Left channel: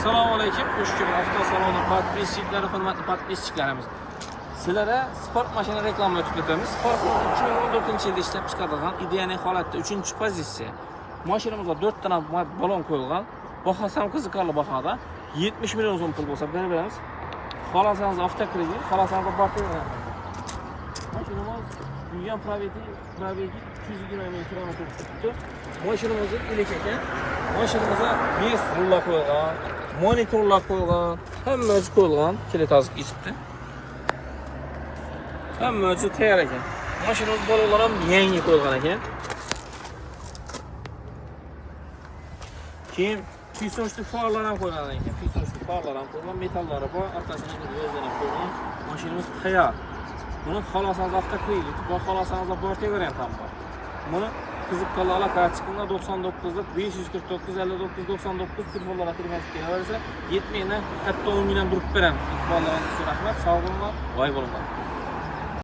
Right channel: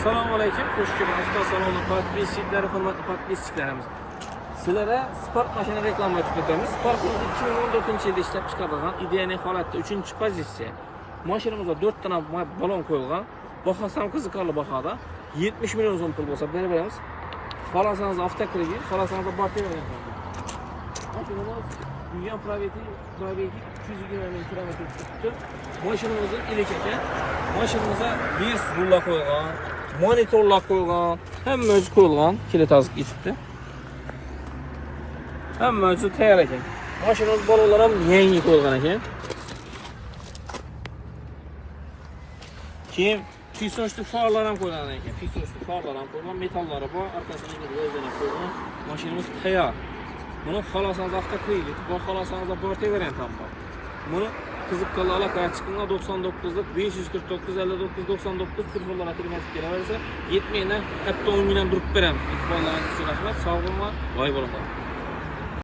Assalomu alaykum. Xush kelibsiz avtosaloni podpischiklari, hurmatli podpischilarimiz. Sizlarga sport mashina reklama o'tib o'tamiz. Sport 2014-yilda ishlab chiqarilgan ideal holatda 3-pozitsiya. Mashinamizda 4 ta balon qo'yilgan. Bahasi ham qiziqarli bahada. 70 million so'm pul bo'lsa berib beramiz. Xolasangiz avtokredit, xolasangiz barter beramiz. Mashinamiz yurgan probegi 220 ming kilometr tutdi. Mashinamiz ilik ekan. Mashinamizga 5 rullar qo'yilgan, monitorlar qo'yilgan, hamma o'zi qo'yilgan, kilit hozir ichibdi. Hamma o'zi tayyor ekan. Mashinamiz bolalar ham yangi qo'yilgan ekan. Keyin pisonchli farlar ham qo'yilgan ekan. Pisonchli farlar ham qo'yilgan, metallari bor, orqasiga o'zdan ham qo'yilgan. Mashinamiz tayyor. Buni xolasangiz avtokredit, bu xolasangiz barter variant ham bor. Buni qiziqqanlar aloqaga chiqinglar 99lik 549 59 99 telefonlarga kirib kelaversa, yetmaydi, hatto 10 mingdan durib beramiz. Bolalarga rahmat, sog' bo'linglar, voy bo'linglar.